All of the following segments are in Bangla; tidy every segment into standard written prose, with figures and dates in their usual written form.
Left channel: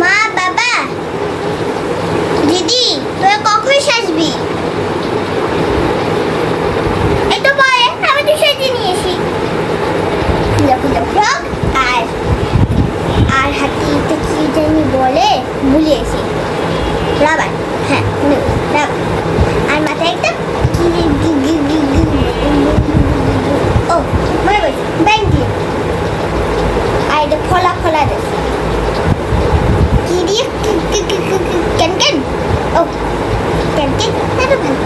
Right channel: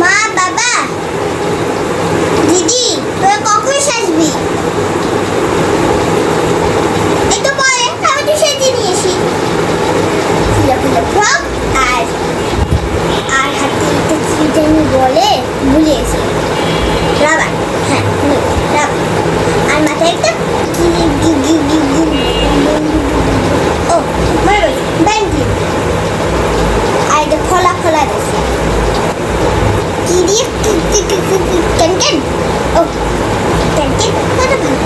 মা বাবা দিদি তোরা কখন আসবি? এই তো পরে আমি তো সেজে নিয়েছি ফুলে ফুলে ফ্রক আর আর হাতে একটা কি জানি বলে ভুলিয়েছি রাবার। হ্যাঁ রাবার আর মাথায় একটা ও মনে রয়েছে ব্যাংকি আর এটা ফলা ফলা দিয়েছে কি দিয়ে কেন কেন ও কেন কেন এত ভালো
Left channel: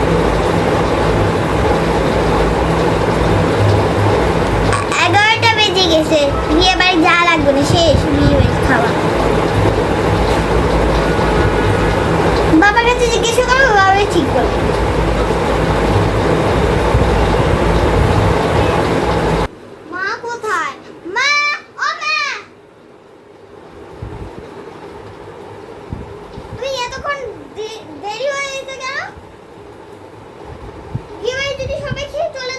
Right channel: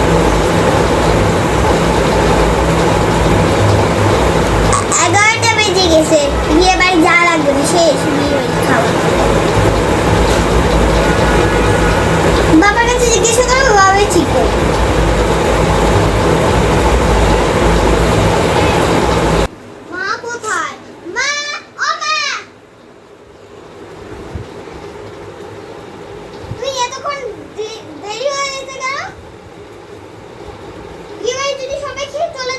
11টা বেজে গেছে বিয়ে বাড়ি যা লাগবে না শেষ বিয়ে বাড়ি খাওয়া। বাবার কাছে জিজ্ঞেস করো বাবাই ঠিক করবে। মা কোথায়? মা ও মা তুই এতক্ষণ দেরি হয়ে গেছে কেন? বিয়ে বাড়ি যদি সবাই খেয়ে চলে